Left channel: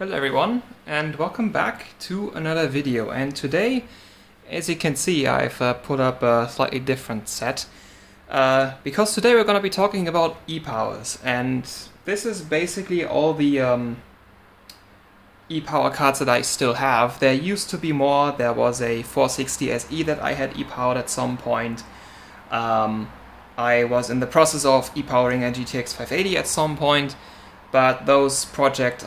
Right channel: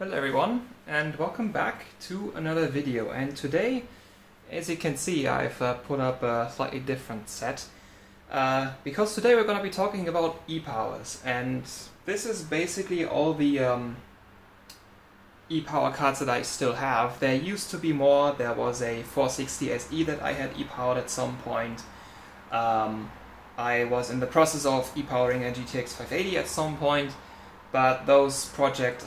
Hello everyone, and welcome back to another video. And today, as you can see, I've put up a slightly different set because today we're going to be talking about e-powers, and this is basically all the e-power cards that I still have. There used to be more. There was a 460 SE that I had e-powered at some point. I was in the process of e-powering a GTX 580 at some point, but those projects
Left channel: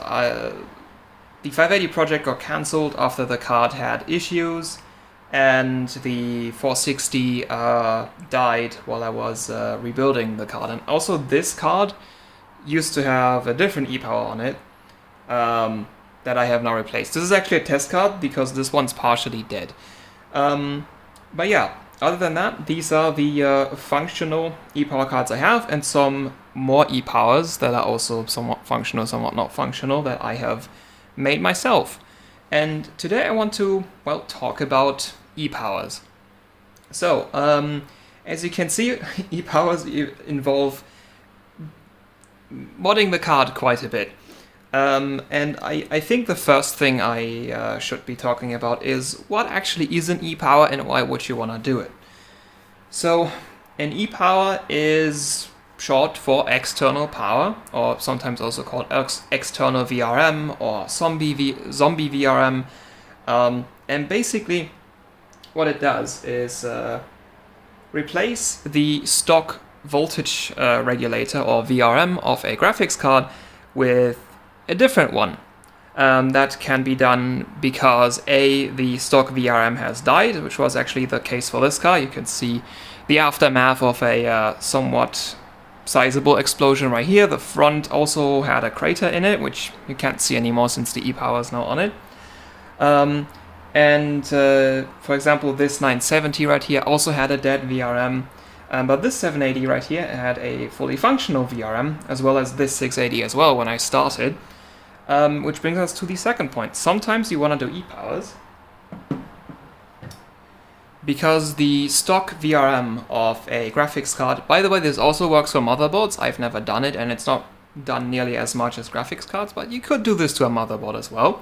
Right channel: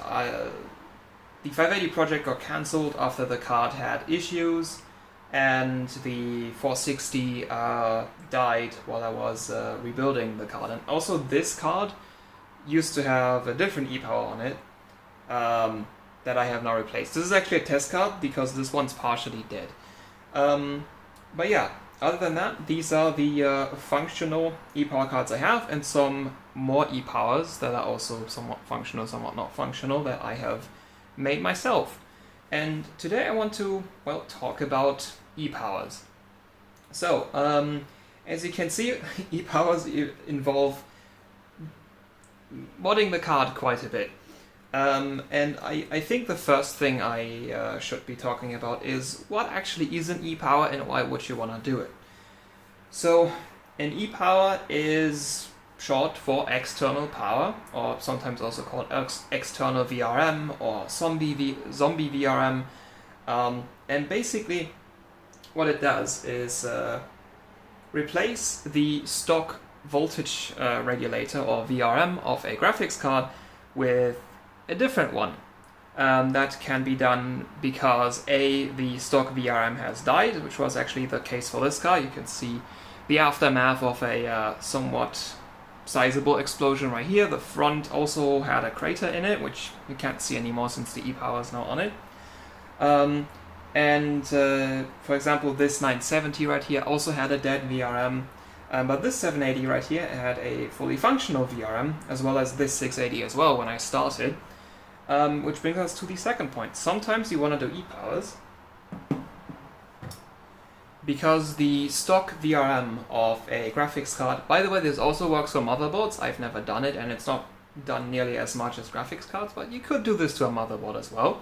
the 580 project got cancelled after the card had issues, and the 460 died while I was rebuilding the card. And also this card used to have a different e-power on it that I have now replaced. This is actually a test card because this one's partially dead. But yeah, other than that, these are the functional e-power cards I have, and some more e-powers that are also somewhat functional, somewhat not functional, that I have made myself. And today I want to, well, talk about e-powers. So, as you can see, e-powers involve modding the card quite a bit. And I think the first thing I should be talking about is what actually is an e-power and why would you want to do it. So, an e-power is short for external power, or sometimes also called external VRM or zombie VRM. And basically what it does is replace the stock voltage regulator or VRM of a graphics card with a different one. That can be done because the stock VRM has died, which was actually the case for this car. You can see the aftermath of a somewhat sizable explosion right here. The front also had a crater in it, which you can't see anymore since the e-power is now on it. For example, this 970 right here also had a dead VRM, but this 780 right here had a fully functional VRM, as well as this 680 as well when I started. Which brings us to the second point. Sometimes you want to do e-powers because the stock VRM of a graphics card, by the way, this also works for motherboards. I've never done it, and it's not done nearly as much as graphics cards, but you could do this to a motherboard as well.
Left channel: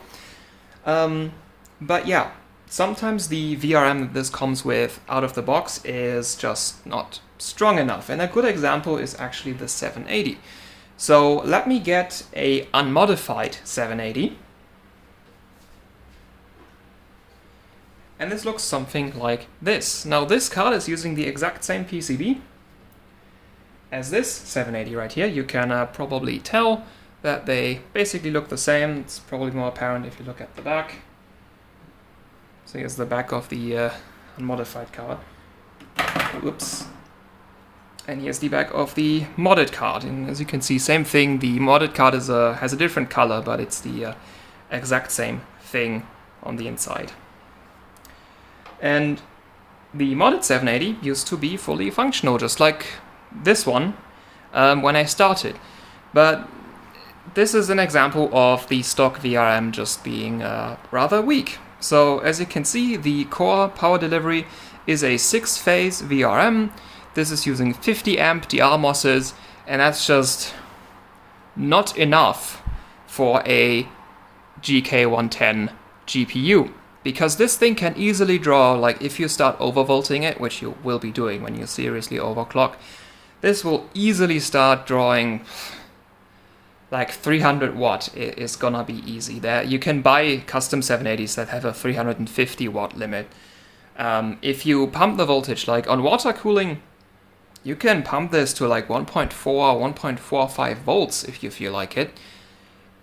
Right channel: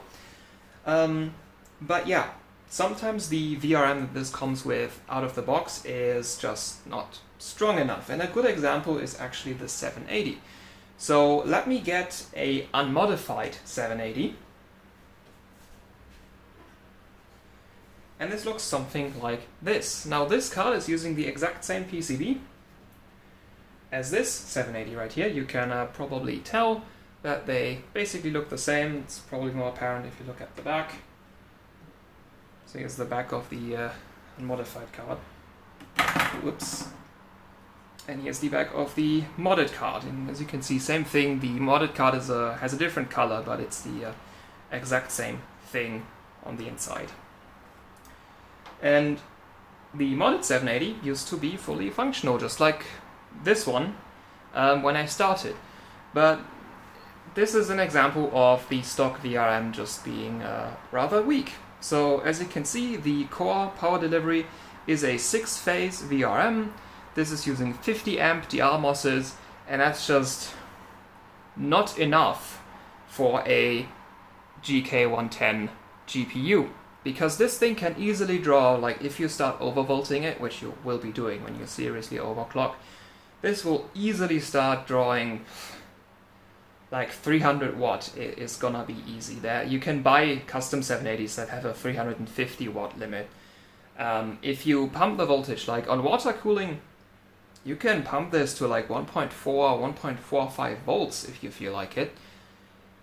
But yeah, sometimes the VRM that this comes with out of the box is just not strong enough, and a good example is actually the 780. So let me get a unmodified 780. And this looks something like this. Now this card is using the exact same PCB as this 780 right here. You can probably tell that they basically look the same. It's probably more apparent if you look at the back. So here's the back of the unmodified card. Whoops. And here's the back of the modded card. And as you can see, same thing. The modded card has a different color, but it's the exact same thing on the inside. And the modded 780 used to be fully functional, just like this one when I started. But this is an example of the stock VRM just being rather weak. So as you can see, the core power delivery is a 6-phase VRM. This is using 50 amp DR MOSes, and that's just not enough for a GK110 GPU. Because this thing can easily draw, like if you start overvolting it, which you will be doing when you seriously overclock, this will easily start drawing like 300 watt. It is gonna be easy there. You can buy custom 780s that have a 350 watt limit. If you pump the voltage, like on water cooling, you can pump this to like 1.4, 1.45 volts if you feel like it.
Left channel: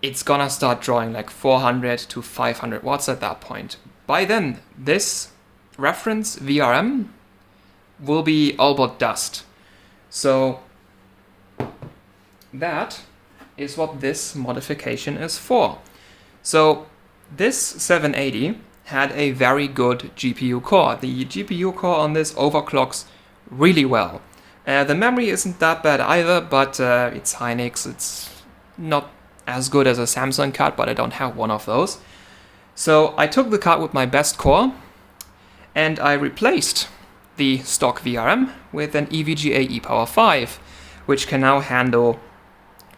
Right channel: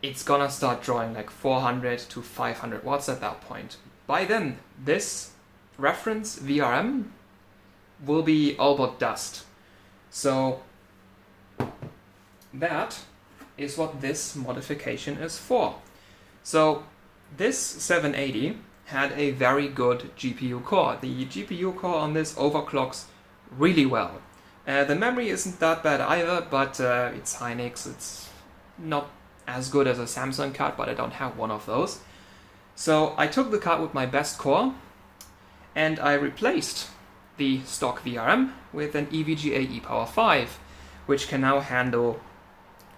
It's gonna start drawing like 400 to 500 watts at that point. By then, this reference VRM will be all but dust. So that is what this modification is for. So this 780 had a very good GPU core. The GPU core on this overclocks really well. The memory isn't that bad either, but it's Hynix. It's not as good as a Samsung card, but I don't have one of those. So I took the card with my best core, and I replaced the stock VRM with an EVGA ePower 5, which can now handle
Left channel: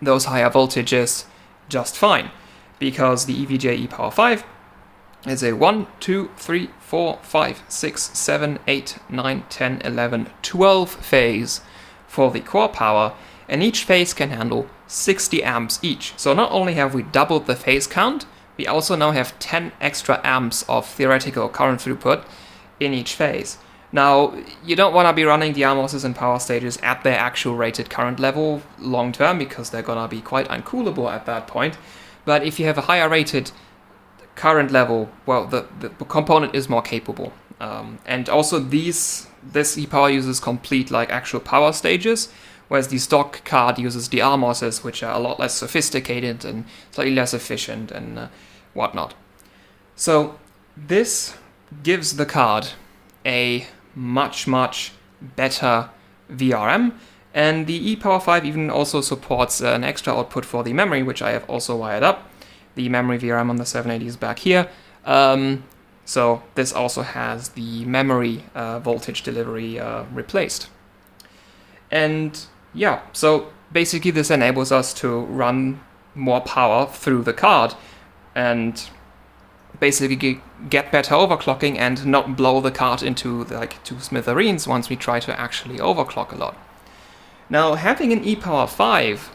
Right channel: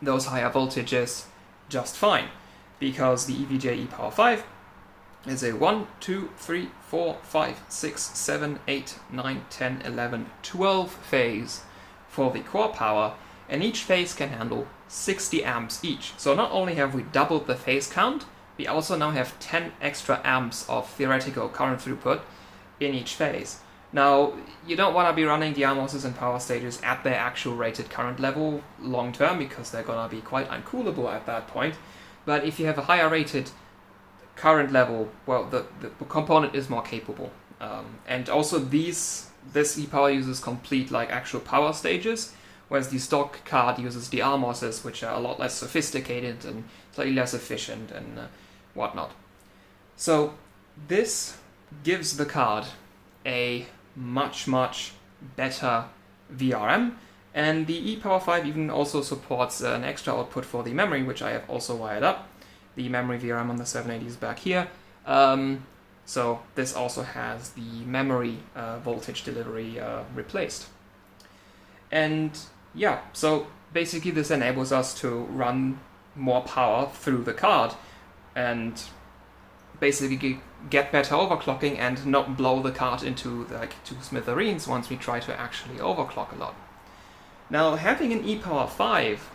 those higher voltages just fine. because the EVGA e power 5 is a 1, 2, 3, 4, 5, 6, 7, 8, 9, 10, 11, 12 phase for the core power, and each phase can handle 60 amps each. So not only have we doubled the phase count, we also now have 10 extra amps of theoretical current throughput in each phase. Now, you don't want to be running the RMOSes and power stages at their actual rated current level long term, because they're going to be quite uncoolable at that point. But if you have a higher rated current level, well, the component is more capable. And also this e-power uses complete like actual power stages, whereas the stock card uses the RMOSes, which are a lot less sophisticated and slightly less efficient and whatnot. So this gives the card a much better VRM, and the e-power 5 even also supports an extra output for the memory, which I have also wired up. The memory VRM on the 780 is back here. So this also has the memory voltage delivery replaced. And yeah, so basically this enables us to run more power through the card and basically get better overclocking and not blow the card into like two smithereens once we try to actually overclock a lot. Now, having an e-power 5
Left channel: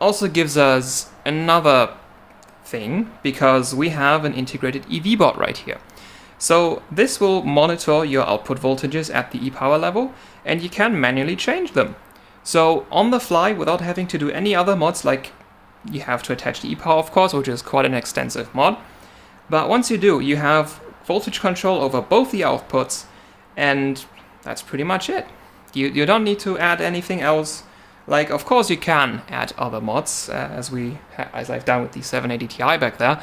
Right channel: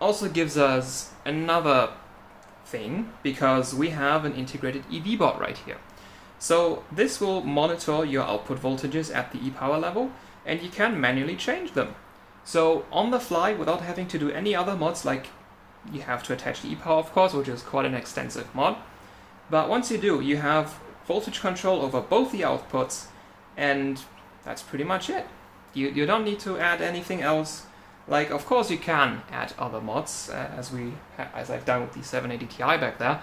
also gives us another thing, because we have an integrated EV board right here. So this will monitor your output voltages at the e-power level, and you can manually change them. So on the fly, without having to do any other mods, like you have to attach the e-power, of course, which is quite an extensive mod. But once you do, you have voltage control over both the outputs, and that's pretty much it. You don't need to add anything else. Like, of course, you can add other mods, as I've done with the 780 Ti back there.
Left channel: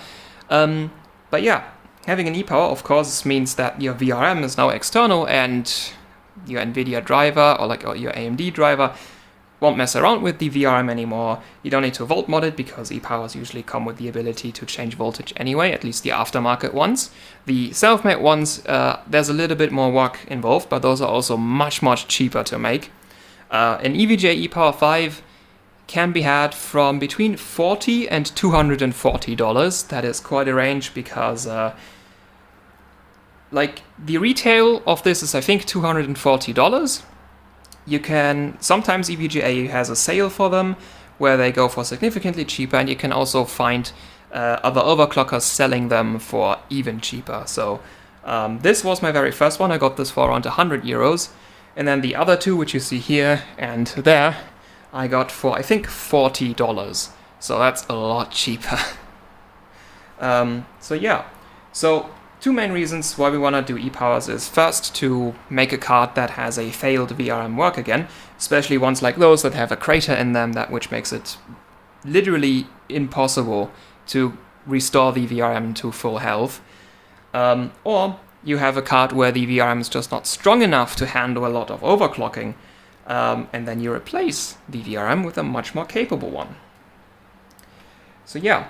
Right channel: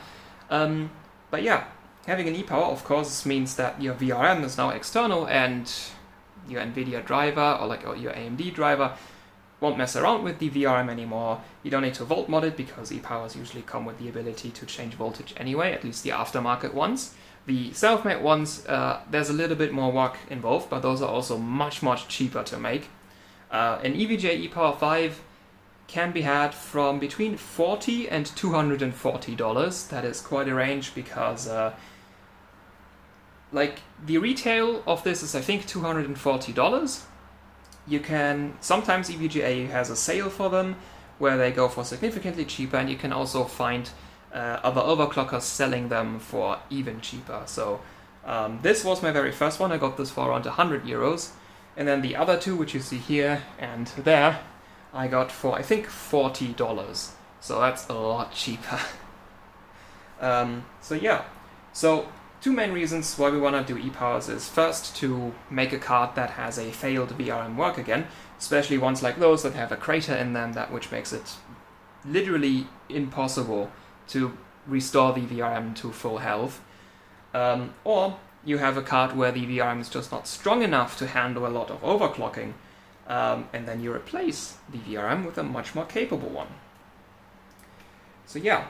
But yeah, having an e-power, of course, means that your VRM is now external, and your NVIDIA driver or your AMD driver won't mess around with the VRM anymore. You don't need to volt mod it, because e-powers usually come with the ability to change voltage anyway, at least the aftermarket ones. The self-made ones, there's a little bit more work involved, but those are also much cheaper to make. An EVGA e-power 5 can be had from between $40 and $240. That is quite a range, because like the retail of this is I think $240. You can, sometimes EVGA has a sale for them where they go for significantly cheaper, and you can also find other overclockers selling them for even cheaper. So this was my very first one. I got this for around 100 euros. And then the other two, which you see here and there, I got for I think $40. So that's a lot cheaper. So yeah, so two main reasons why we want to do e-powers is first to make a card that has a failed VRM work again, especially ones like those that have a crater in them, which makes it literally impossible to restore the VRM to full health. Or you have a card where the VRM is just not strong enough to handle a lot of overclocking, and then you replace the VRM with a much more capable one. So yeah,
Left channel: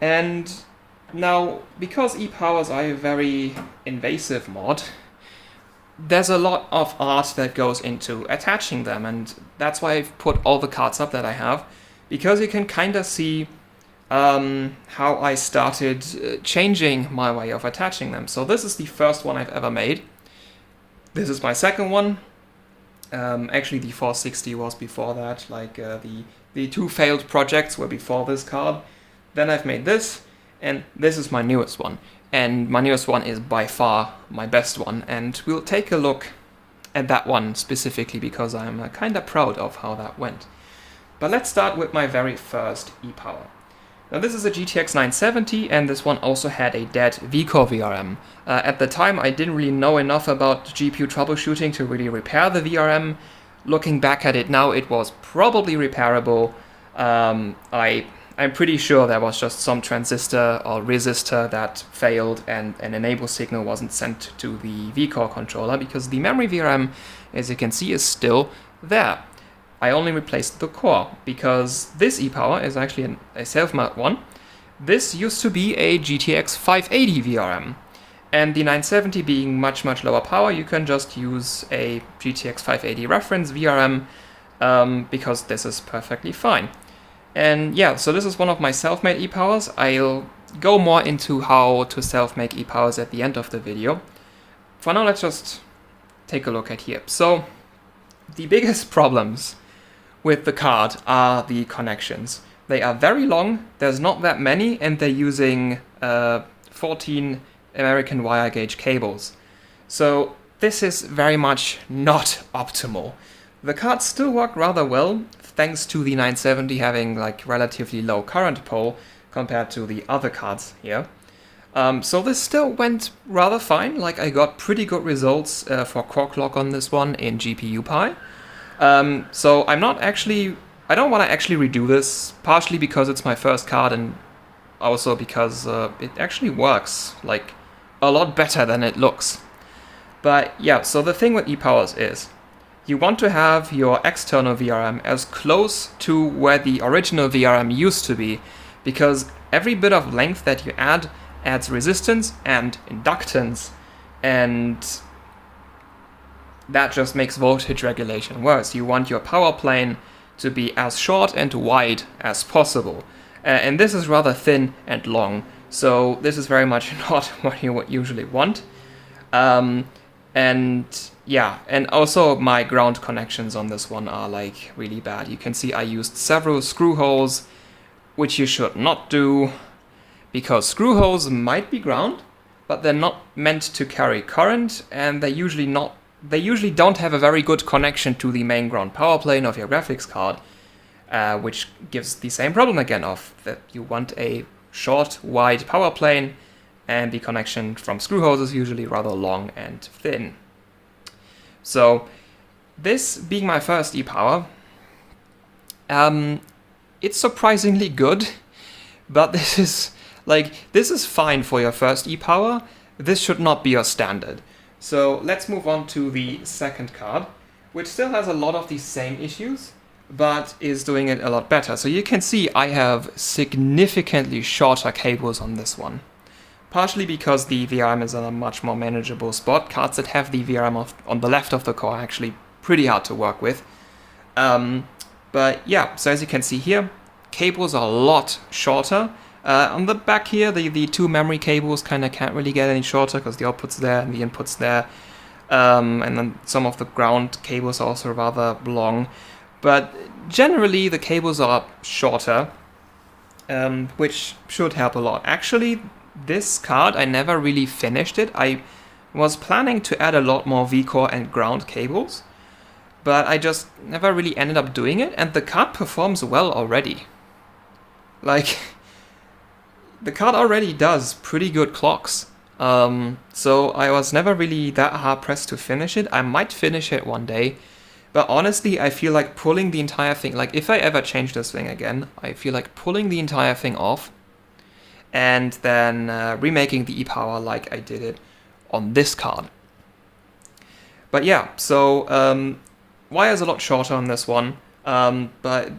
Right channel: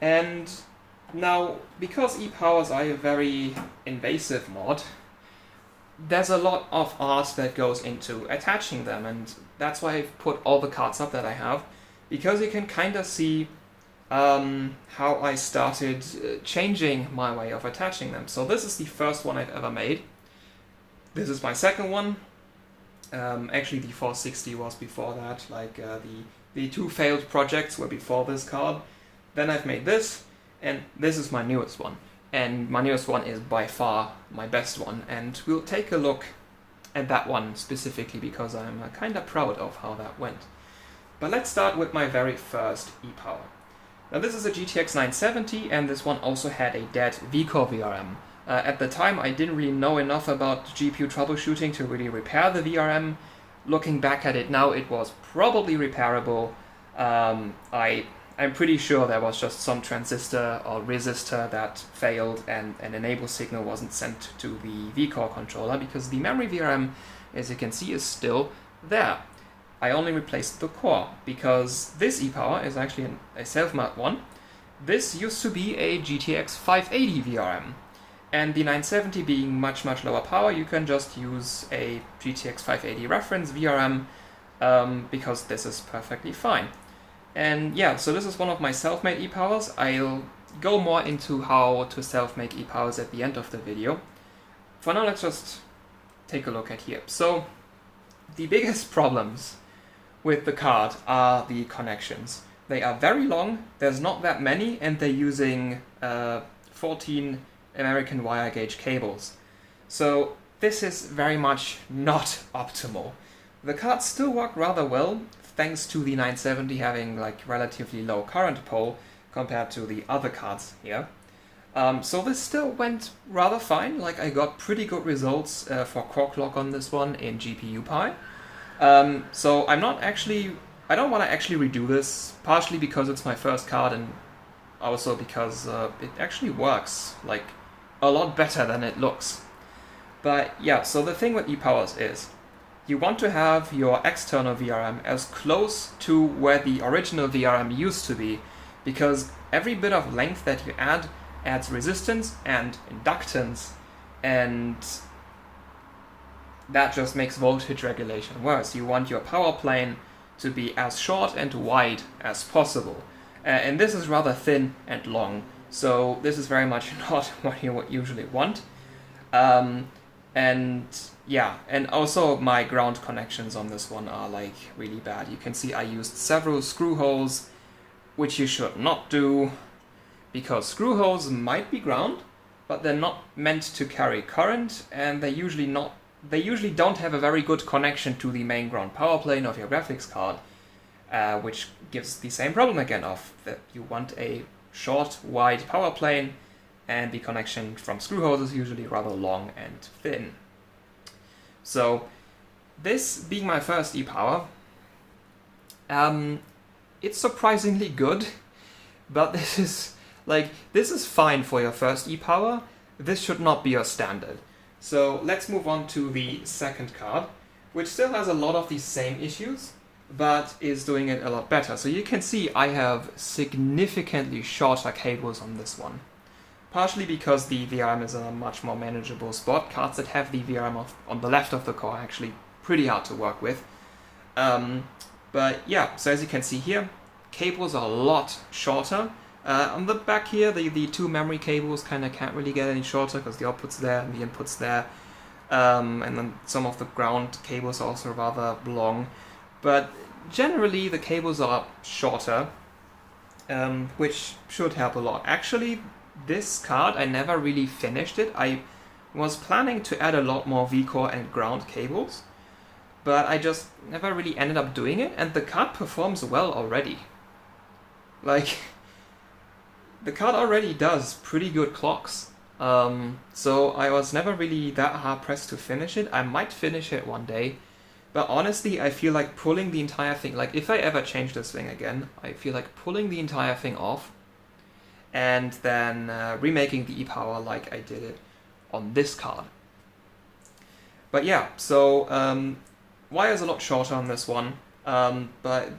and now, because e-powers are a very invasive mod, there's a lot of art that goes into attaching them, and that's why I've put all the cards up that I have, because you can kind of see how I started changing my way of attaching them. So this is the first one I've ever made. This is my second one. Actually, the 460 was before that, like the two failed projects were before this card. Then I've made this. And this is my newest one. And my newest one is by far my best one. And we'll take a look at that one specifically, because I'm kind of proud of how that went. But let's start with my very first e-power. Now this is a GTX 970, and this one also had a dead vCore VRM. At the time, I didn't really know enough about GPU troubleshooting to really repair the VRM. Looking back at it now, it was probably repairable. I'm pretty sure there was just some transistor or resistor that failed, and an enable signal wasn't sent to the vCore controller, because the memory VRM, as you can see, is still there. I only replaced the core, because this e-power is actually a self-made one. This used to be a GTX 580 VRM, and the 970 being much lower power, you can just use a GTX 580 reference VRM, because this is perfectly fine. And yeah, so this is one of my self-made e-powers. I'll go more into how to self-make e-powers at the end of the video. For now, let's just take a look at here. So the biggest problems with the card are the connections. They are very long, there's not that many, and they're using 14 American wire gauge cables. So this is very much not optimal. The cards still work rather well, thanks to the 970 having like relatively low current pull compared to the other cards here. So this still went rather fine, like I got pretty good results for core clock on this one in GPU-Pi. So I don't want to actually redo this, partially because it's my first card and also because it actually works like a lot better than it looks. But yeah, so the thing with e-powers is you want to have your external VRM as close to where the original VRM used to be, because every bit of length that you add adds resistance and inductance, and that just makes voltage regulation worse. You want your power plane to be as short and wide as possible. And this is rather thin and long, so this is very much not what you would usually want. And yeah, and also my ground connections on this one are like really bad. You can see I used several screw holes, which you should not do, because screw holes might be ground, but they're not meant to carry current, and they usually don't have a very good connection to the main ground power plane of your graphics card, which gives the same problem again of that you want a short, wide power plane, and the connection from screw holes is usually rather long and thin. So this being my first e-power, it's surprisingly good, but this is fine for your first e-power. This should not be your standard. So let's move on to the second card, which still has a lot of these same issues, but is doing it a lot better. So you can see I have significantly shorter cables on this one. Partially because the VRM is on a much more manageable spot. Cards that have the VRM on the left of the core are actually pretty hard to work with. But yeah, so as you can see here, cables are a lot shorter. On the back here, the two memory cables kind of can't really get any shorter because the output's there and the input's there. And then some of the ground cables are also rather long. But generally, the cables are shorter, which should help a lot. Actually, this card, I never really finished it. I was planning to add a lot more V-core and ground cables, but I just never really ended up doing it, and the card performs well already. Like, the card already does pretty good clocks. So I was never really that hard pressed to finish it. I might finish it one day, but honestly, I feel like pulling the entire thing, like if I ever change this thing again, I feel like pulling the entire thing off and then remaking the e-power like I did it on this card. But yeah, so wire's a lot shorter on this one, but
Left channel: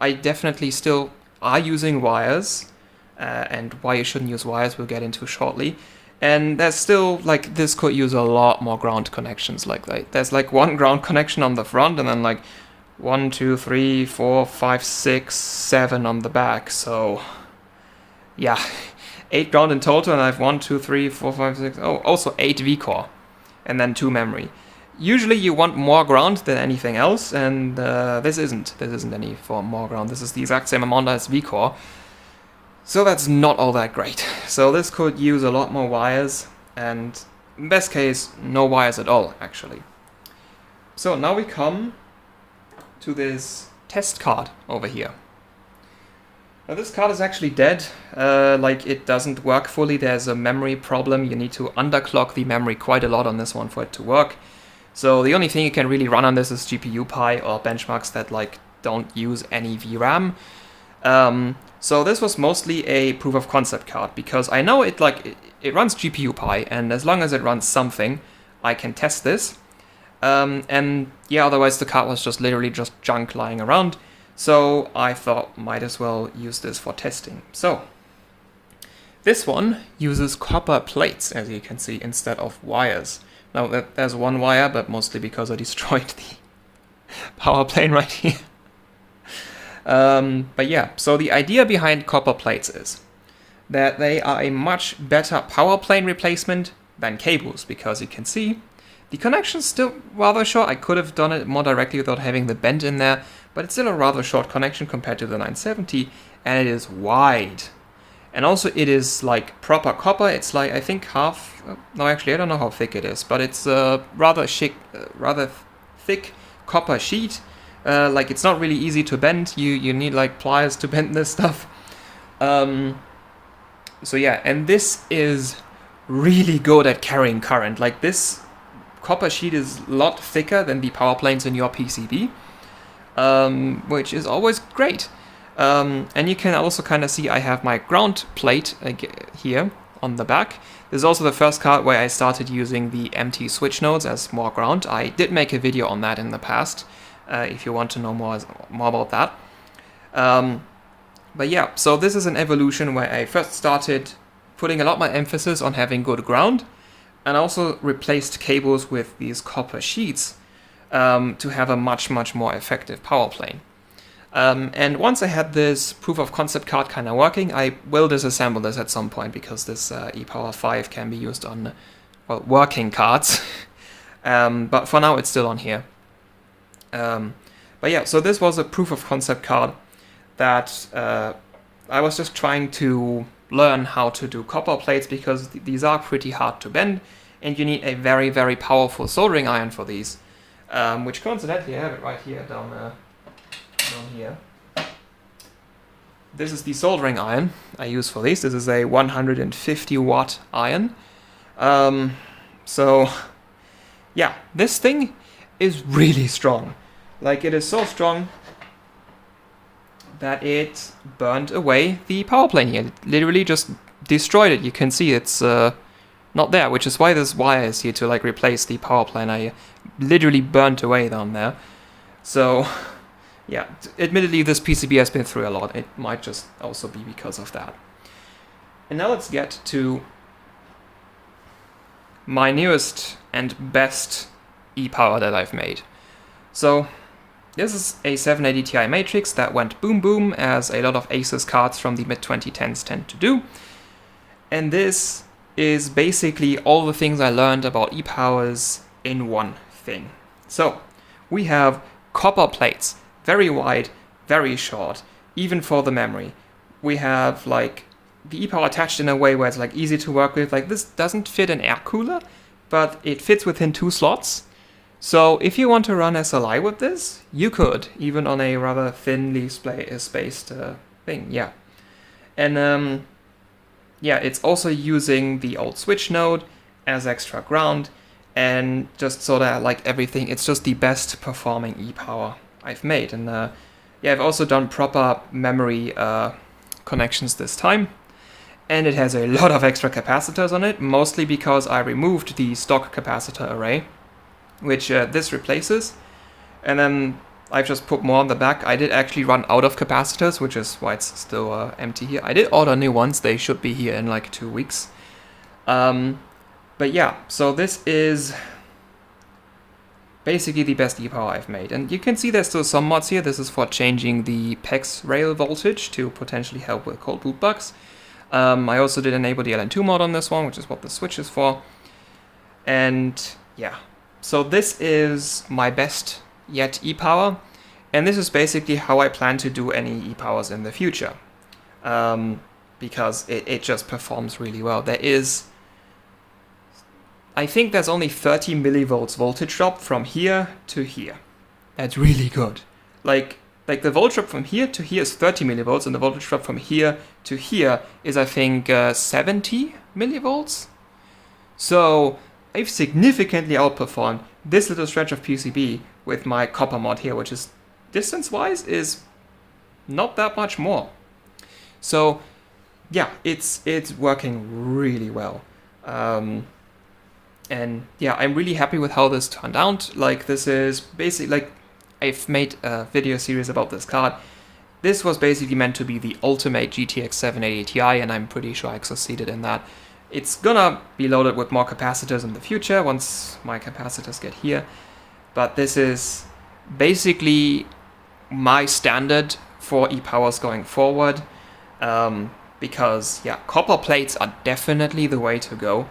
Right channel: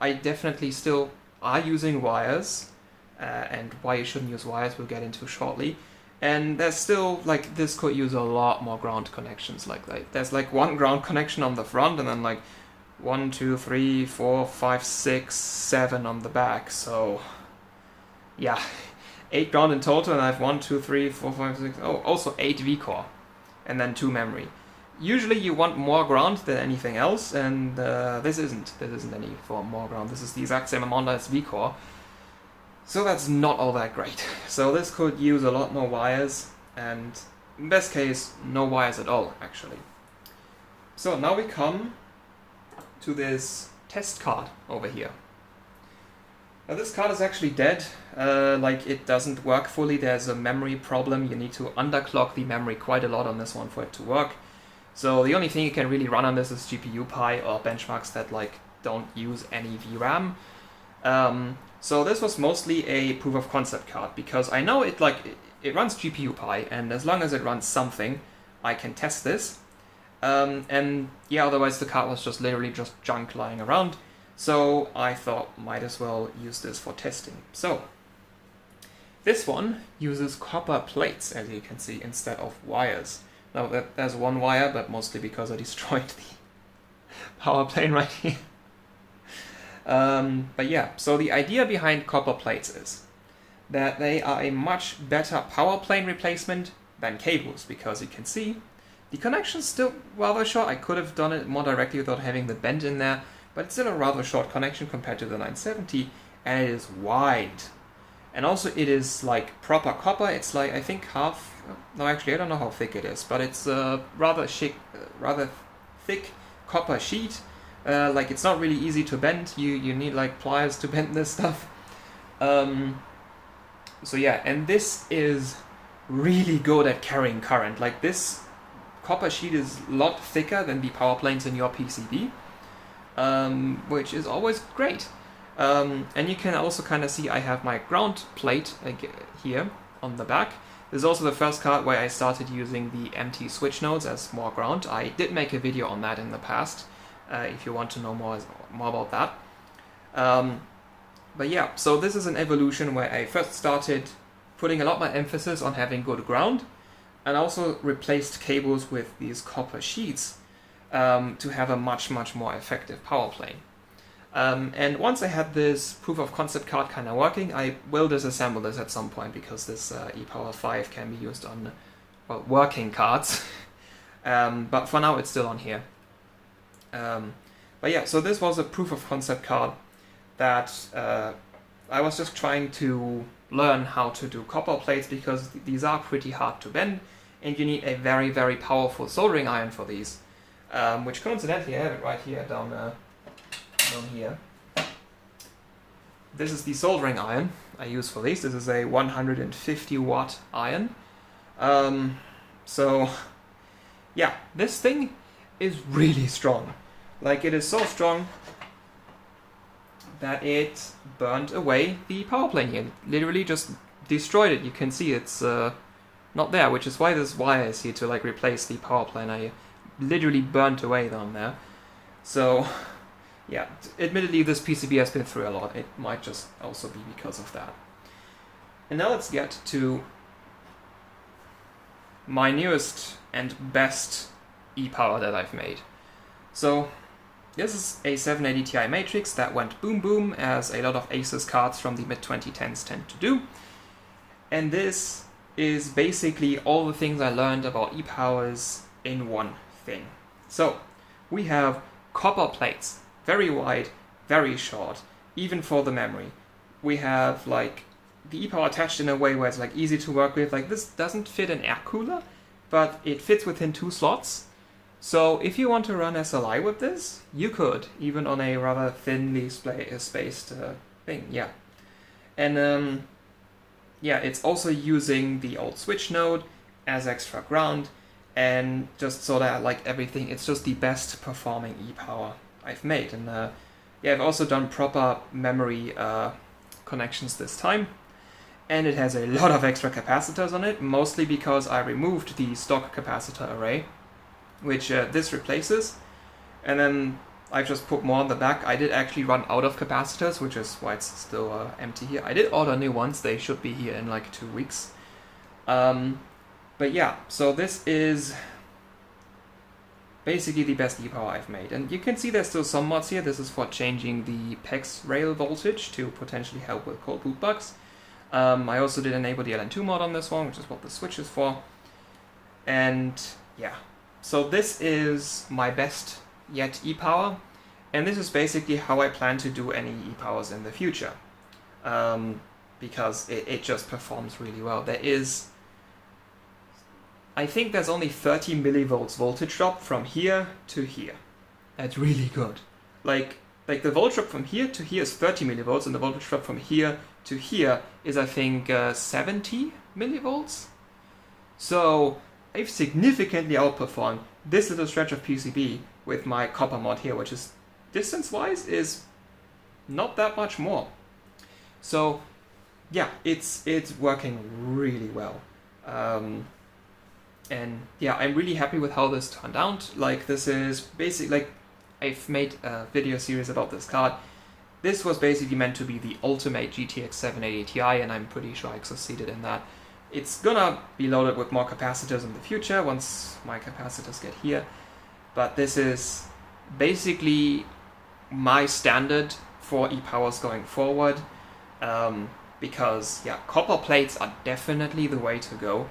I definitely still are using wires, and why you shouldn't use wires we'll get into shortly. And there's still, like, this could use a lot more ground connections. Like there's like one ground connection on the front and then like 1, 2, 3, 4, 5, 6, 7 on the back. So yeah, 8 ground in total, and I have 1, 2, 3, 4, 5, 6, also 8 V-core, and then 2 memory. Usually you want more ground than anything else, and this isn't any for more ground. This is the exact same amount as V-core, so that's not all that great. So this could use a lot more wires, and in best case, no wires at all, actually. So now we come to this test card over here. Now this card is actually dead, like it doesn't work fully. There's a memory problem. You need to underclock the memory quite a lot on this one for it to work. So the only thing you can really run on this is GPU-Pi or benchmarks that like don't use any VRAM. So this was mostly a proof of concept card, because I know it runs GPU-Pi, and as long as it runs something, I can test this. And yeah, otherwise the card was just literally just junk lying around. So I thought might as well use this for testing. So this one uses copper plates, as you can see, instead of wires. Now there's one wire, but mostly because I destroyed the power plane right here. But yeah, so the idea behind copper plates is that they are a much better power plane replacement than cables, because you can see the connection's still rather short. I could have done it more directly without having the bend in there, but it's still a rather short connection compared to the 970, and it is wide. And also it is like proper copper. It's like, I think half, no actually I don't know how thick it is, but it's a rather thick copper sheet. Like it's not really easy to bend. You need like pliers to bend this stuff. So yeah, and this is really good at carrying current. Like this copper sheet is a lot thicker than the power planes in your PCB, which is always great. And you can also kind of see I have my ground plate here on the back. This is also the first card where I started using the empty switch nodes as more ground. I did make a video on that in the past, if you want to know more about that. But yeah, so this is an evolution where I first started putting a lot more emphasis on having good ground, and also replaced cables with these copper sheets to have a much more effective power plane. And once I had this proof of concept card kind of working, I will disassemble this at some point, because this ePower 5 can be used on, well, working cards. But for now it's still on here. But yeah, so this was a proof of concept card that I was just trying to learn how to do copper plates, because these are pretty hard to bend, and you need a very powerful soldering iron for these, which coincidentally I have it right here down here. This is the soldering iron I use for these. This is a 150 watt iron. So yeah, this thing is really strong. Like, it is so strong that it burned away the power plane here. It literally just destroyed it. You can see it's not there, which is why this wire is here to like replace the power plane. I literally burnt away down there. So yeah, admittedly this PCB has been through a lot. It might just also be because of that. And now let's get to my newest and best ePower that I've made. So this is a 780 Ti matrix that went boom boom, as a lot of Asus cards from the mid-2010s tend to do. And this is basically all the things I learned about ePowers in one thing. So we have copper plates, very wide, very short, even for the memory. We have like the ePower attached in a way where it's like easy to work with. Like, this doesn't fit an air cooler, but it fits within 2 slots. So if you want to run SLI with this, you could, even on a rather thinly spaced thing, yeah. And yeah, it's also using the old switch node as extra ground, and just sort of like everything, it's just the best performing ePower I've made. And yeah, I've also done proper memory connections this time, and it has a lot of extra capacitors on it, mostly because I removed the stock capacitor array, which this replaces, and then I've just put more on the back. I did actually run out of capacitors, which is why it's still empty here. I did order new ones. They should be here in like 2 weeks. But yeah, so this is basically the best ePower I've made. And you can see there's still some mods here. This is for changing the PEX rail voltage to potentially help with cold boot bugs. I also did enable the LN2 mod on this one, which is what the switch is for. And yeah, so this is my best yet ePower. And this is basically how I plan to do any ePowers in the future. Because it just performs really well. There is, I think there's only 30 millivolts voltage drop from here to here. That's really good. Like the voltage drop from here to here is 30 millivolts, and the voltage drop from here to here is, I think, 70 millivolts. So I've significantly outperformed this little stretch of PCB with my copper mod here, which is, distance-wise, is not that much more. So yeah, it's working really well. And yeah, I'm really happy with how this turned out. Like, this is basically, like, I've made a video series about this card. This was basically meant to be the ultimate GTX 780 Ti, and I'm pretty sure I succeeded in that. It's gonna be loaded with more capacitors in the future once my capacitors get here. But this is basically my standard for e-powers going forward, because yeah, copper plates are definitely the way to go.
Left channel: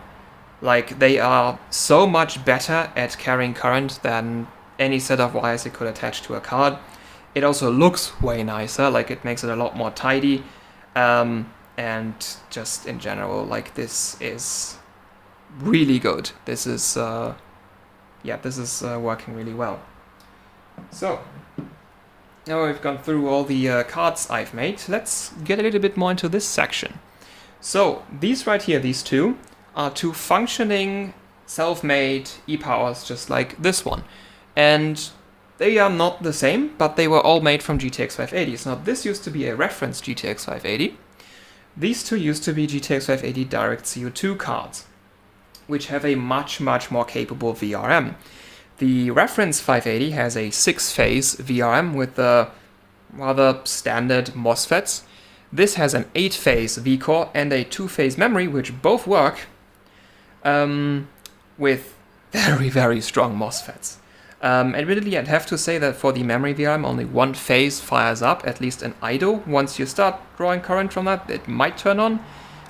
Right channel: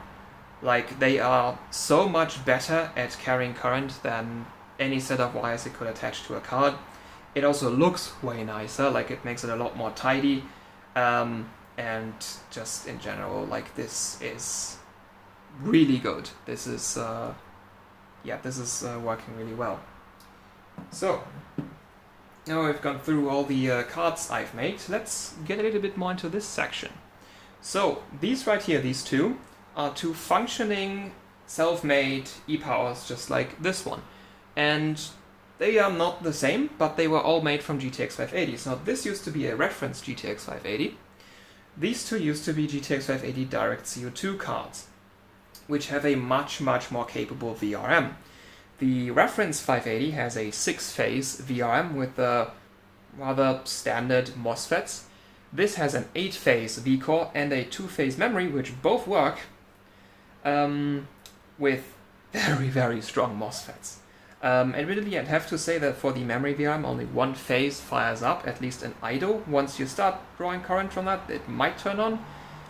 Like, they are so much better at carrying current than any set of wires you could attach to a card. It also looks way nicer, like it makes it a lot more tidy, and just in general, like, this is really good. This is working really well. So now we've gone through all the cards I've made. Let's get a little bit more into this section. So these right here, these two, are two functioning self-made e-powers, just like this one. And they are not the same, but they were all made from GTX 580s. Now this used to be a reference GTX 580. These two used to be GTX 580 Direct CO2 cards, which have a much more capable VRM. The reference 580 has a 6-phase VRM with the rather standard MOSFETs. This has an 8-phase vCore and a 2-phase memory, which both work with very strong MOSFETs. Admittedly, I'd have to say that for the memory VRM, only one phase fires up, at least an idle. Once you start drawing current from that, it might turn on,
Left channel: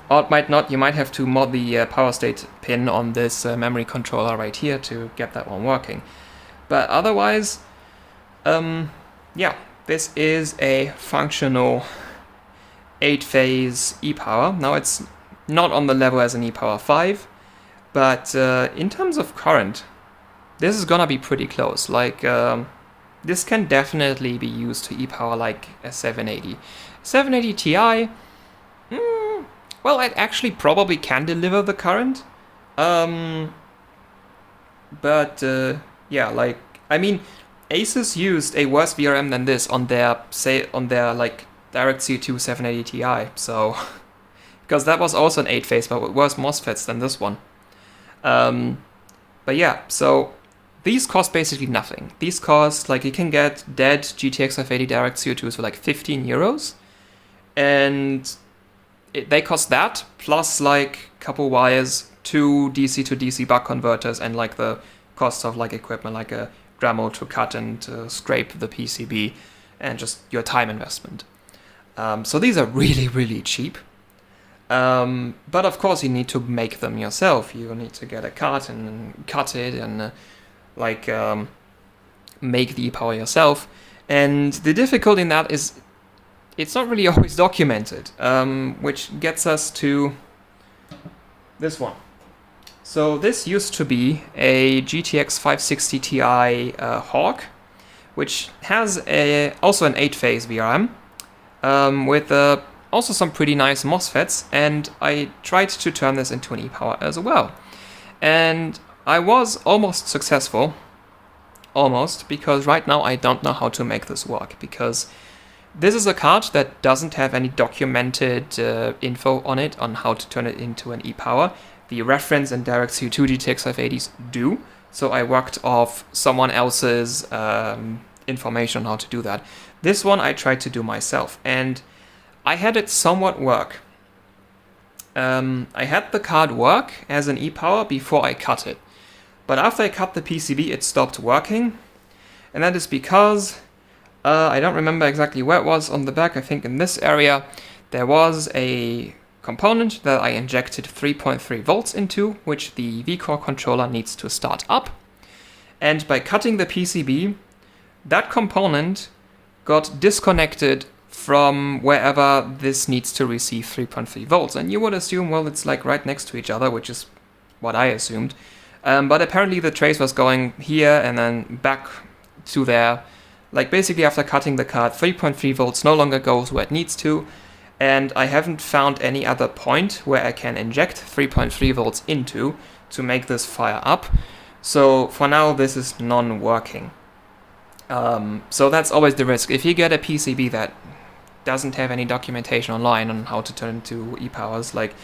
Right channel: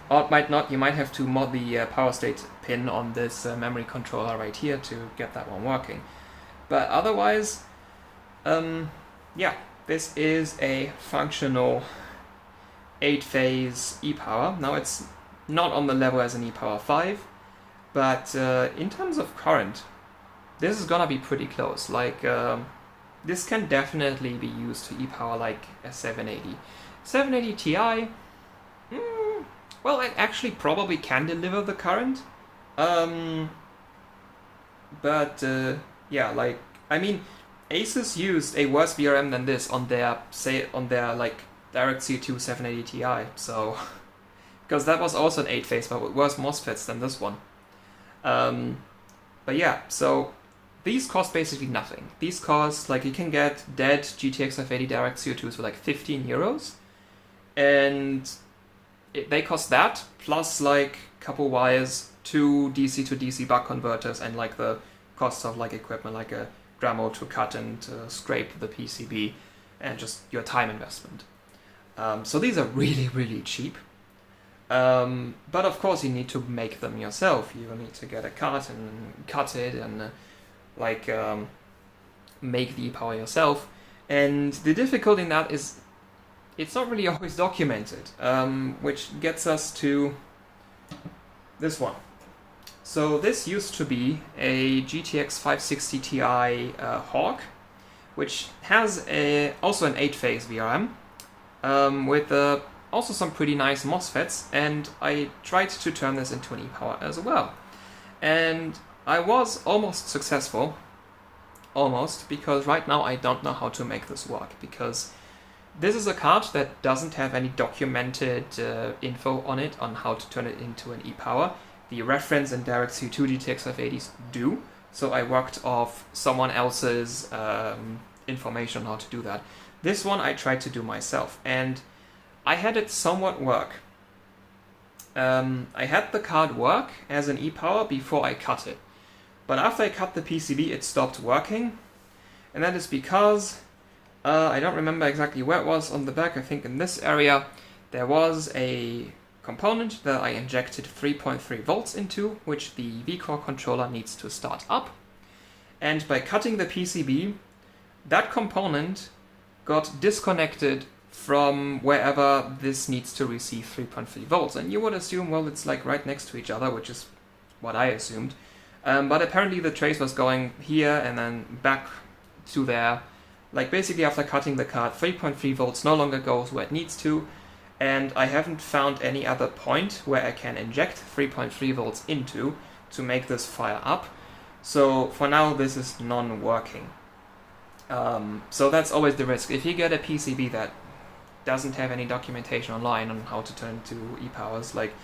or it might not. You might have to mod the power state pin on this memory controller right here to get that one working. But otherwise, yeah, this is a functional 8-phase e-power. Now, it's not on the level as an e-power 5, but in terms of current, this is gonna be pretty close. Like, this can definitely be used to e-power like a 780. 780 Ti, well, it actually probably can deliver the current. But yeah, like, I mean, Asus used a worse VRM than this on their like Direct CO2 780 Ti, so because that was also an 8-phase, but with worse MOSFETs than this one. But yeah, so these cost basically nothing. These cost, like, you can get dead GTX 580 Direct CO2s for like 15 euros, and they cost that, plus like a couple wires, 2 DC to DC buck converters, and like the cost of like equipment like a Dremel to cut and to scrape the PCB, and just your time investment. So these are really cheap. But of course you need to make them yourself. You need to get a cart and cut it and make the e-power yourself. And the difficulty in that is it's not really always documented, which gets us to this one. So this used to be a GTX 560 Ti Hawk, which has also an 8-phase VRM, with also some pretty nice MOSFETs, and I tried to turn this into an e-power as well. And I was almost successful, because right now I don't know how to make this work, because this is a card that doesn't have any documented info on it on how to turn it into an e-power. The reference and Direct CO2 GTX 580s do, so I worked off someone else's information on how to do that. This one I tried to do myself, and I had it somewhat work. I had the card work as an e-power before I cut it. But after I cut the PCB, it stopped working. And that is because, I don't remember exactly where it was on the back, I think in this area, there was a component that I injected 3.3 volts into, which the vCore controller needs to start up. And by cutting the PCB, that component got disconnected from wherever this needs to receive 3.3 volts. And you would assume, well, it's like right next to each other, which is what I assumed. But apparently the trace was going here and then back to there. Like, basically after cutting the card, 3.3 volts no longer goes where it needs to. And I haven't found any other point where I can inject 3.3 volts into to make this fire up. So for now, this is non-working. So that's always the risk. If you get a PCB that doesn't have any documentation online on how to turn into e-powers, like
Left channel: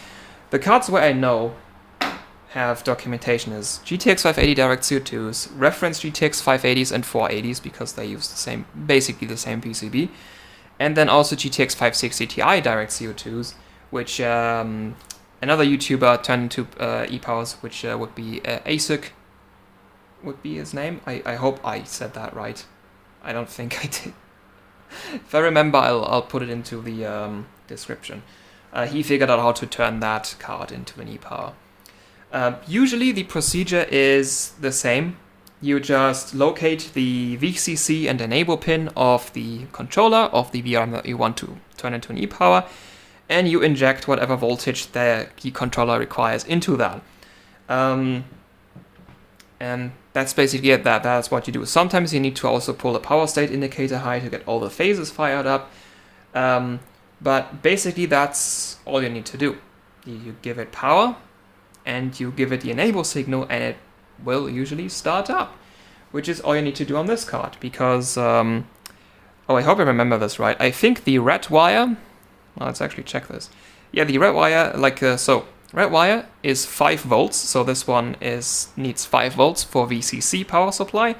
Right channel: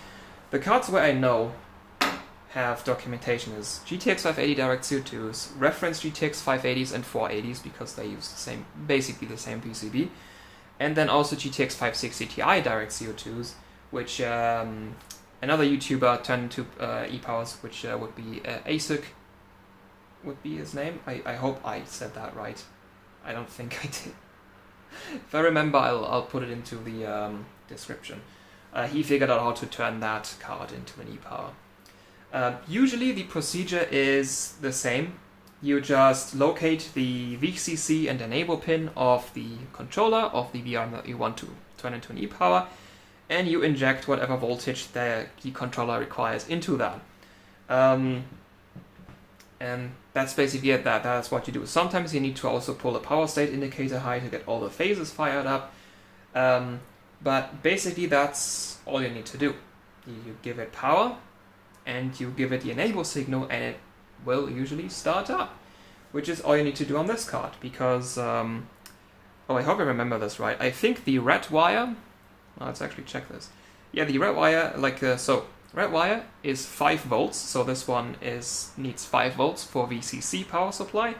the cards where I know have documentation is GTX 580 Direct CO2s, reference GTX 580s and 480s because they use the same, basically the same PCB, and then also GTX 560 Ti Direct CO2s, which another YouTuber turned into e-powers, which would be ASIC, would be his name. I hope I said that right. I don't think I did. If I remember, I'll put it into the description. He figured out how to turn that card into an e-power. Usually the procedure is the same. You just locate the VCC and enable pin of the controller of the VRM that you want to turn into an e-power, and you inject whatever voltage the key controller requires into that. And that's basically it. That's what you do. Sometimes you need to also pull the power state indicator high to get all the phases fired up. But basically that's all you need to do. You give it power and you give it the enable signal and it will usually start up, which is all you need to do on this card because, I hope I remember this right. I think the red wire, well, let's actually check this. Yeah, the red wire, red wire is 5 volts, so this one needs 5 volts for VCC power supply.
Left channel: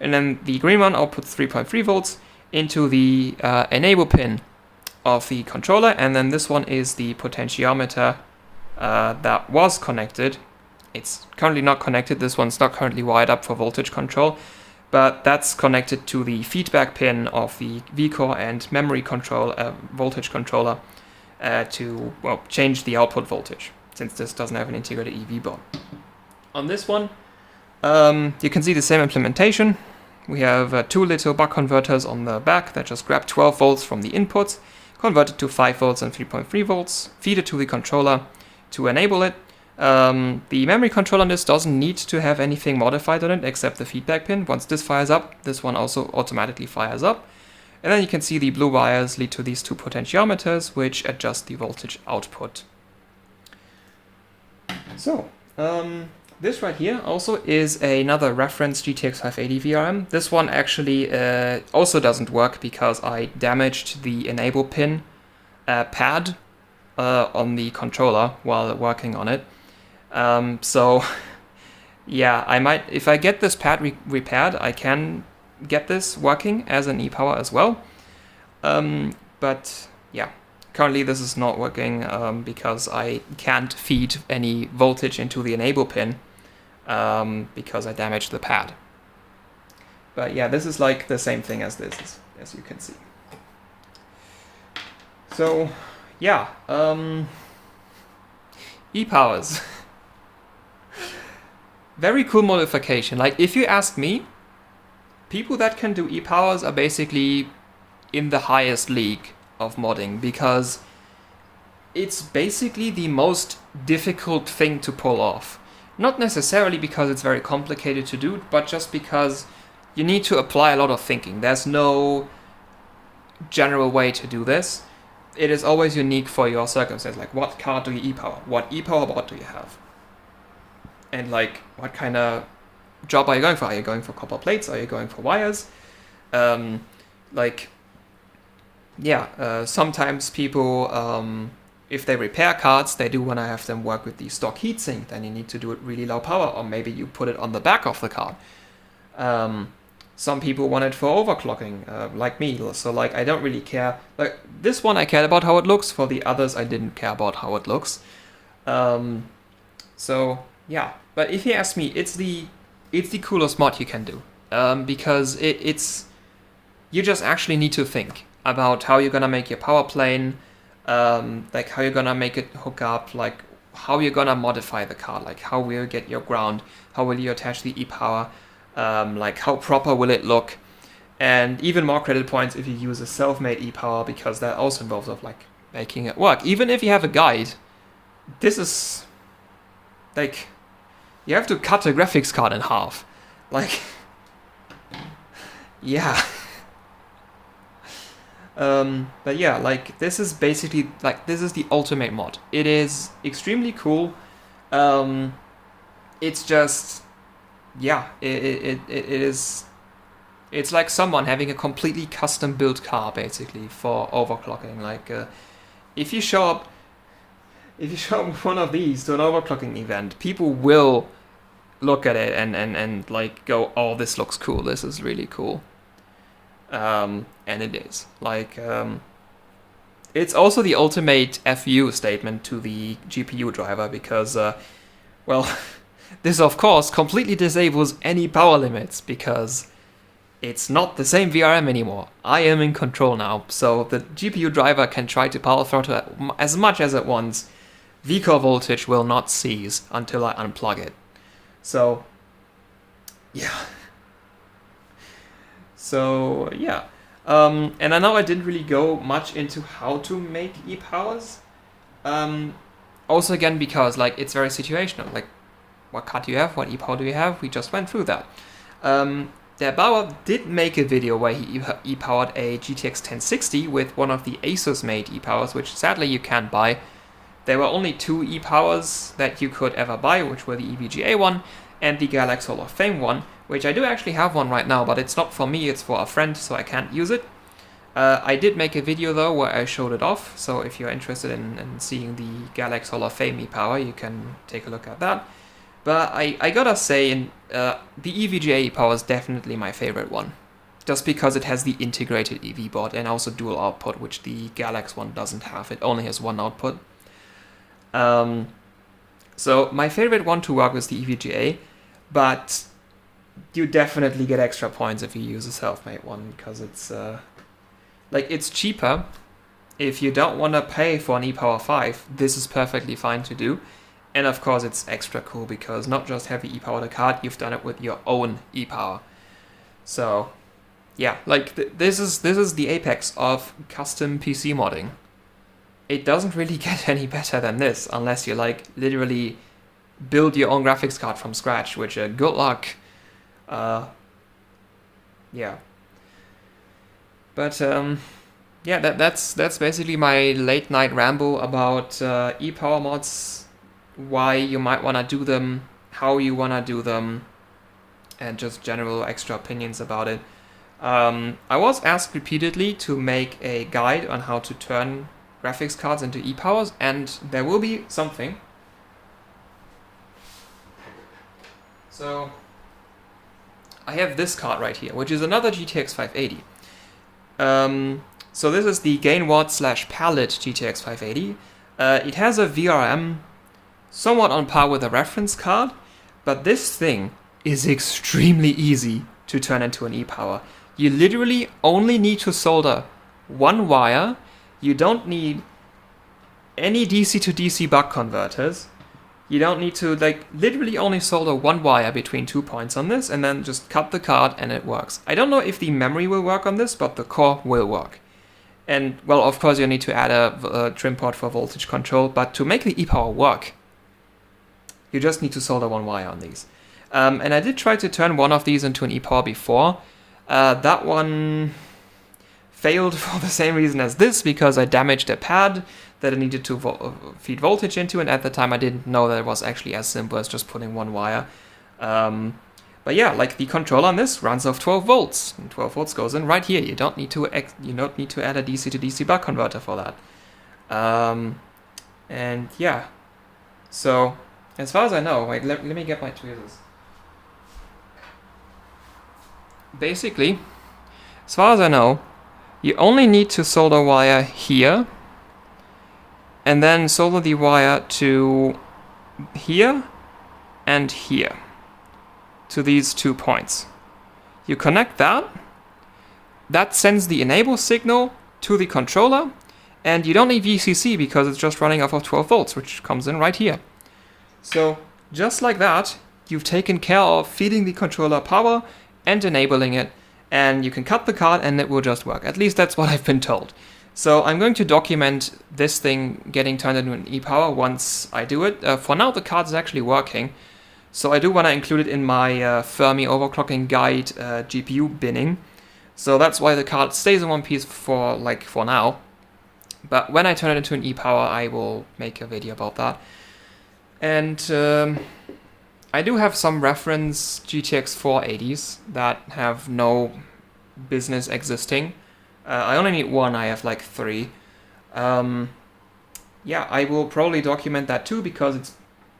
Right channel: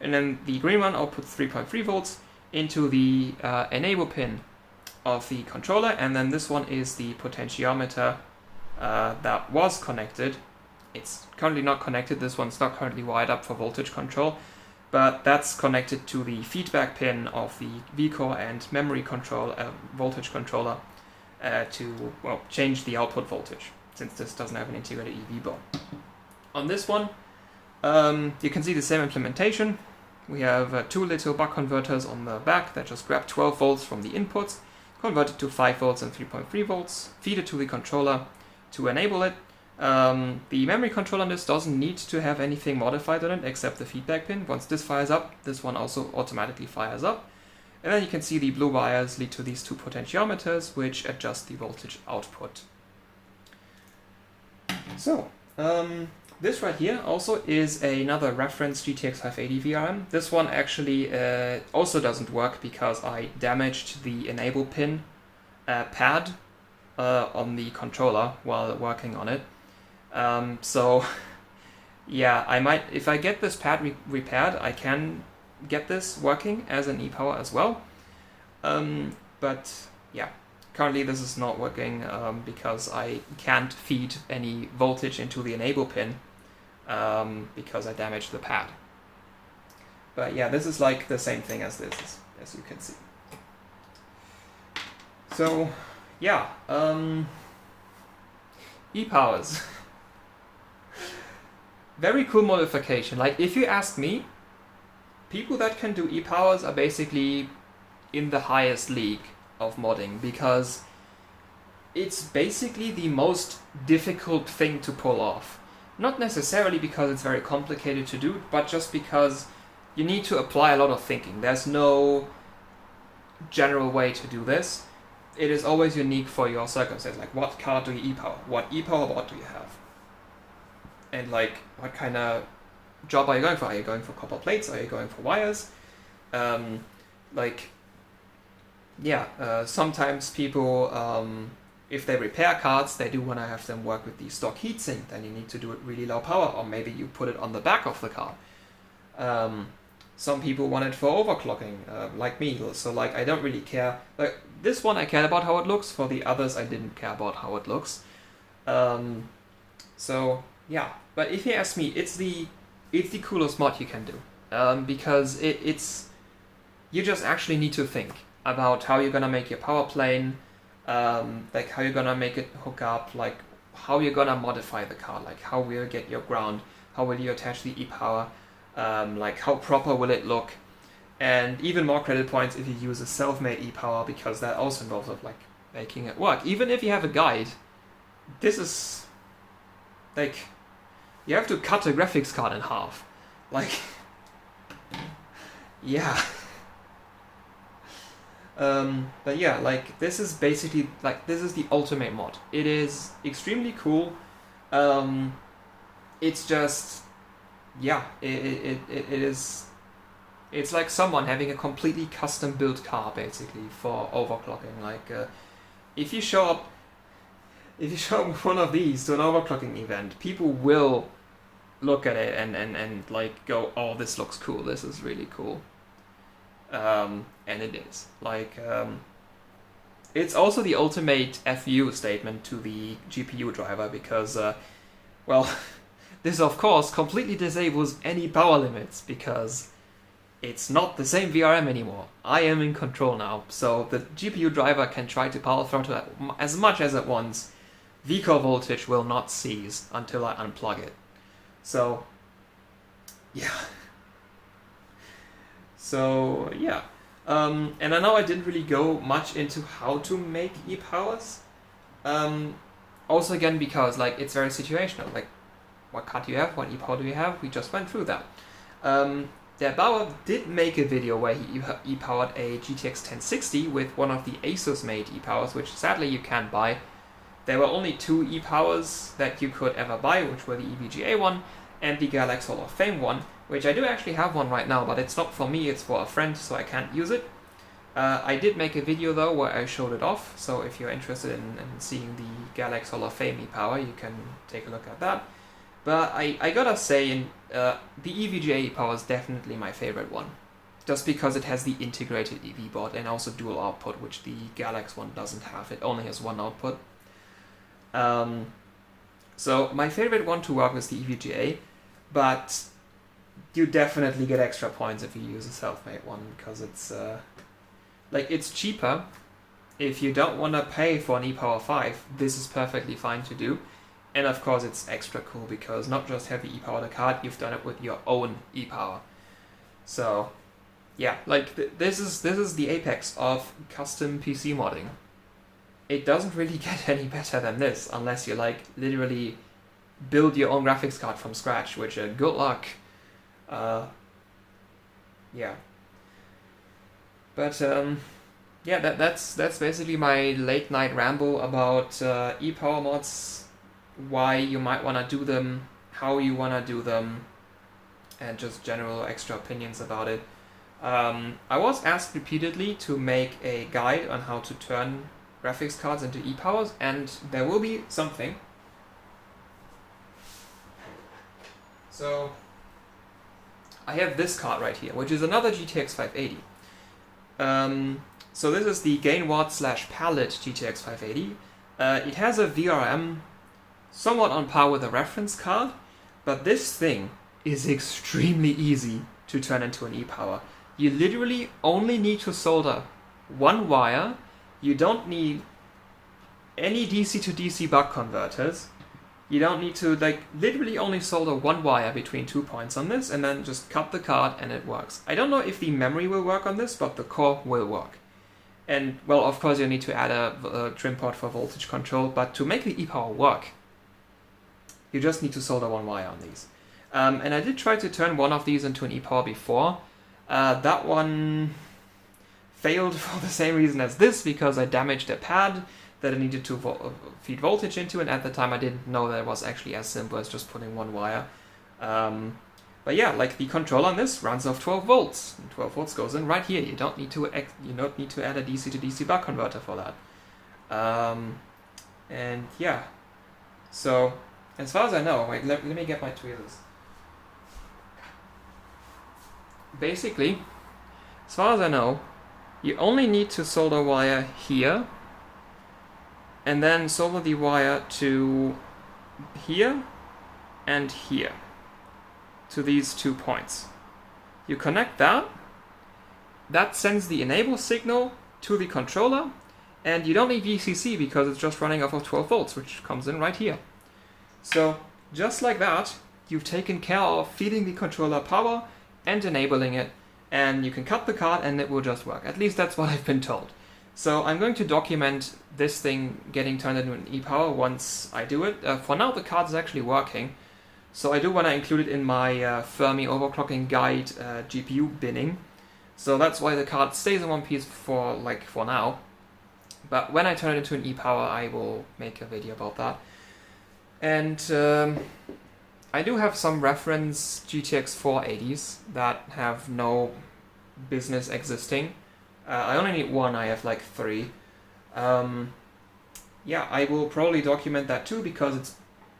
And then the green one outputs 3.3 volts into the enable pin of the controller. And then this one is the potentiometer that was connected. It's currently not connected. This one's not currently wired up for voltage control, but that's connected to the feedback pin of the vCore and memory control voltage controller to change the output voltage, since this doesn't have an integrated EV board. On this one, you can see the same implementation. We have 2 little buck converters on the back that just grab 12 volts from the inputs, convert it to 5 volts and 3.3 volts, feed it to the controller to enable it. The memory controller on this doesn't need to have anything modified on it except the feedback pin. Once this fires up, this one also automatically fires up. And then you can see the blue wires lead to these 2 potentiometers, which adjust the voltage output. So, this right here also is another reference GTX 580 VRM. This one actually also doesn't work because I damaged the enable pin pad on the controller while working on it. So, yeah, I might, if I get this pad repaired, I can get this working as an e-power as well. But yeah, currently this is not working because I can't feed any voltage into the enable pin because I damaged the pad. But yeah, this is like the same thing as this, as you can see. So yeah, e-powers. Very cool modification. Like, if you ask me, people that can do e-powers are basically in the highest league of modding because it's basically the most difficult thing to pull off. Not necessarily because it's very complicated to do, but just because you need to apply a lot of thinking. There's no general way to do this. It is always unique for your circumstance. Like, what card do you e-power? What e-power board do you have? And like, what kind of job are you going for? Are you going for copper plates? Are you going for wires? Sometimes people, if they repair cards, they do want to have them work with the stock heatsink. Then you need to do it really low power, or maybe you put it on the back of the card. Some people want it for overclocking, like me. So like, I don't really care. Like, this one I cared about how it looks. For the others, I didn't care about how it looks. So yeah, but if you ask me, it's the coolest mod you can do, because it's you just actually need to think about how you're gonna make your power plane, like how you're gonna make it hook up, like how you're gonna modify the card, like how will you get your ground, how will you attach the e-power, like how proper will it look, and even more credit points if you use a self-made e-power, because that also involves of like making it work. Even if you have a guide, this is like, you have to cut a graphics card in half. Like, yeah. But yeah, like, this is basically, like, this is the ultimate mod. It is extremely cool. It's just, yeah, it is, it's like someone having a completely custom built car, basically, for overclocking. Like, if you show up one of these to an overclocking event, people will look at it and like go, oh, this looks cool, this is really cool. And it is. Like, it's also the ultimate FU statement to the GPU driver because, well, this of course completely disables any power limits because it's not the same VRM anymore. I am in control now, so the GPU driver can try to power throttle as much as it wants. Vcore voltage will not cease until I unplug it. So, yeah. So, yeah. And I know I didn't really go much into how to make e-powers. Also, again, because like it's very situational. Like, what card do you have? What e-power do you have? We just went through that. Der Bauer did make a video where he e-powered a GTX 1060 with one of the Asus-made e-powers, which sadly you can't buy. There were only 2 e-powers that you could ever buy, which were the EVGA one and the Galaxy Hall of Fame one, which I do actually have one right now, but it's not for me, it's for a friend, so I can't use it. I did make a video though where I showed it off, so if you're interested in seeing the Galaxy Hall of Fame e-power, you can take a look at that. But I gotta say, the EVGA e-power is definitely my favorite one. Just because it has the integrated EV board and also dual output, which the Galaxy one doesn't have. It only has one output. So my favorite one to work with the EVGA, but you definitely get extra points if you use a self-made one, because it's it's cheaper. If you don't want to pay for an e-power 5, this is perfectly fine to do. And of course it's extra cool because not just have you e-powered a card, you've done it with your own e-power. So yeah, like this is the apex of custom PC modding. It doesn't really get any better than this unless you like literally build your own graphics card from scratch, which good luck. Yeah. But yeah, that's basically my late night ramble about e-power mods. Why you might want to do them, how you want to do them, and just general extra opinions about it. I was asked repeatedly to make a guide on how to turn graphics cards into e-powers, and there will be something. So I have this card right here, which is another GTX 580. So this is the Gainward/Palette GTX 580. It has a VRM somewhat on par with a reference card, but this thing is extremely easy to turn into an e-power. You literally only need to solder one wire. You don't need any DC to DC buck converters. You don't need to literally only solder one wire between 2 points on this and then just cut the card and it works. I don't know if the memory will work on this, but the core will work. And well, of course you need to add a trim port for voltage control, but to make the e-power work, you just need to solder one wire on these. And I did try to turn one of these into an e-power before. That one failed for the same reason as this, because I damaged a pad that I needed to feed voltage into, and at the time I didn't know that it was actually as simple as just putting one wire. But yeah, like the controller on this runs off 12 volts, and 12 volts goes in right here. You don't need to add a DC to DC buck converter for that. And yeah, so as far as I know, let me get my tweezers. Basically, as far as I know, you only need to solder wire here, and then solder the wire to here and here, to these 2 points. You connect that sends the enable signal to the controller, and you don't need VCC because it's just running off of 12 volts, which comes in right here. So just like that, you've taken care of feeding the controller power and enabling it, and you can cut the card and it will just work. At least that's what I've been told. So I'm going to document this thing getting turned into an e-power once I do it. For now, the card is actually working, so I do want to include it in my Fermi overclocking guide GPU binning. So that's why the card stays in one piece for now. But when I turn it into an e-power, I will make a video about that. And I do have some reference GTX 480s that have no business existing. I only need one, I have like 3. Yeah, I will probably document that too, because it's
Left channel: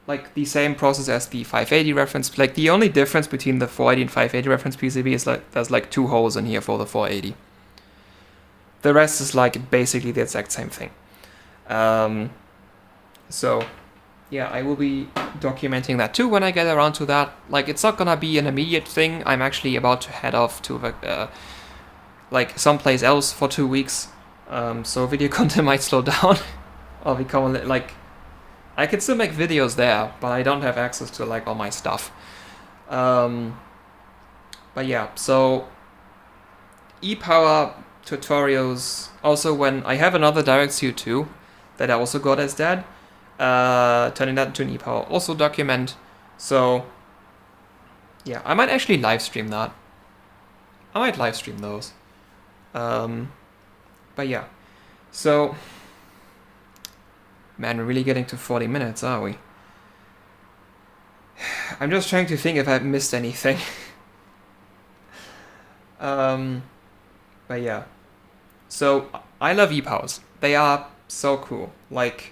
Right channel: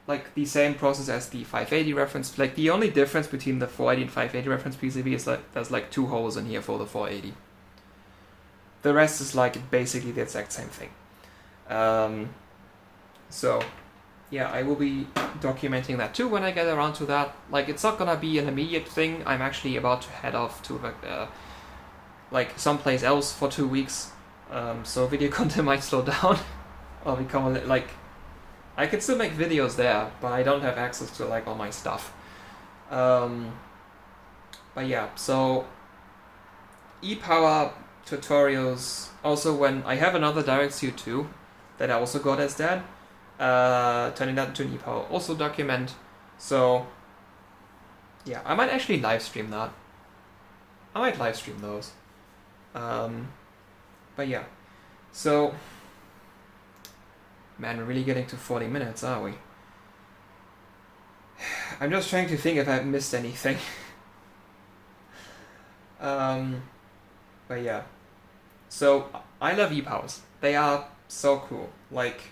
like the same process as the 580 reference. Like the only difference between the 480 and 580 reference PCB is like there's like 2 holes in here for the 480. The rest is like basically the exact same thing. So yeah, I will be documenting that too when I get around to that. Like, it's not gonna be an immediate thing. I'm actually about to head off to like someplace else for 2 weeks, so video content might slow down. I'll become like, I can still make videos there, but I don't have access to like all my stuff. But yeah, so ePower tutorials. Also, when I have another DirectStudio 2 that I also got as dad, turning that into an ePower also document. So yeah, I might actually live stream that. I might live stream those. But yeah, so man, we're really getting to 40 minutes, are we? I'm just trying to think if I've missed anything. But yeah, so I love ePowers. They are so cool. Like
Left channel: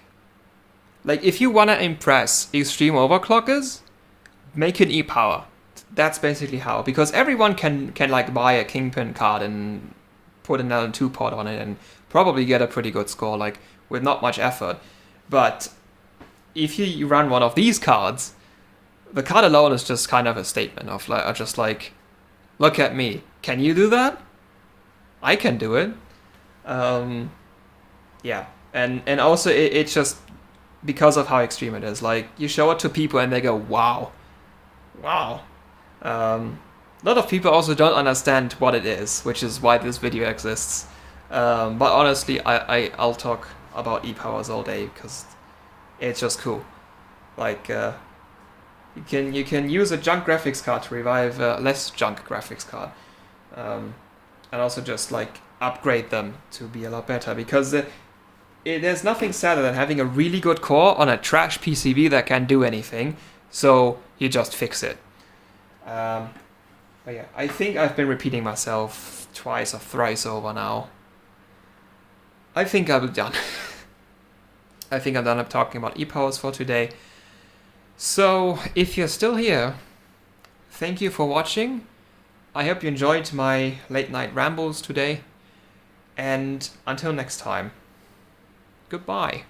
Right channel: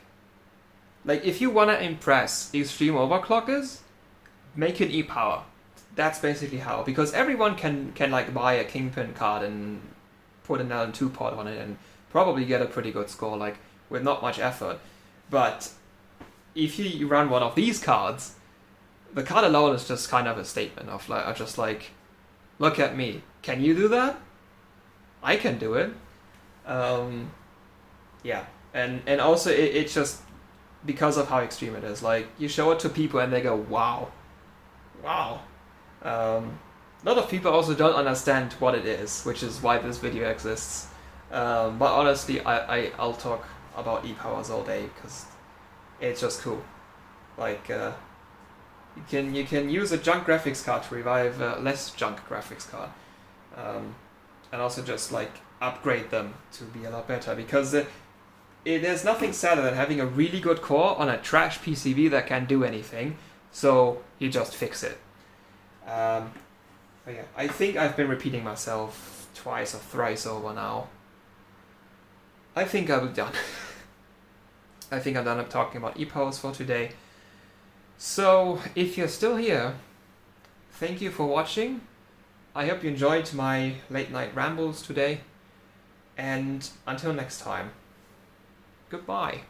if you wanna impress extreme overclockers, make an ePower. That's basically how, because everyone can like buy a Kingpin card and put an LN2 port on it and probably get a pretty good score, like with not much effort. But if you run one of these cards, the card alone is just kind of a statement of like, just like, look at me. Can you do that? I can do it. Yeah, and also it's just because of how extreme it is. Like, you show it to people and they go, wow, wow. A lot of people also don't understand what it is, which is why this video exists. But honestly, I'll talk about ePowers all day because it's just cool. Like, you can use a junk graphics card to revive a less junk graphics card, and also just like upgrade them to be a lot better, because there's nothing sadder than having a really good core on a trash PCB that can't do anything, so you just fix it. But yeah, I think I've been repeating myself twice or thrice over now. I think I'll be done. I think I'm done up talking about ePowers for today. So, if you're still here, thank you for watching. I hope you enjoyed my late night rambles today. And until next time, goodbye.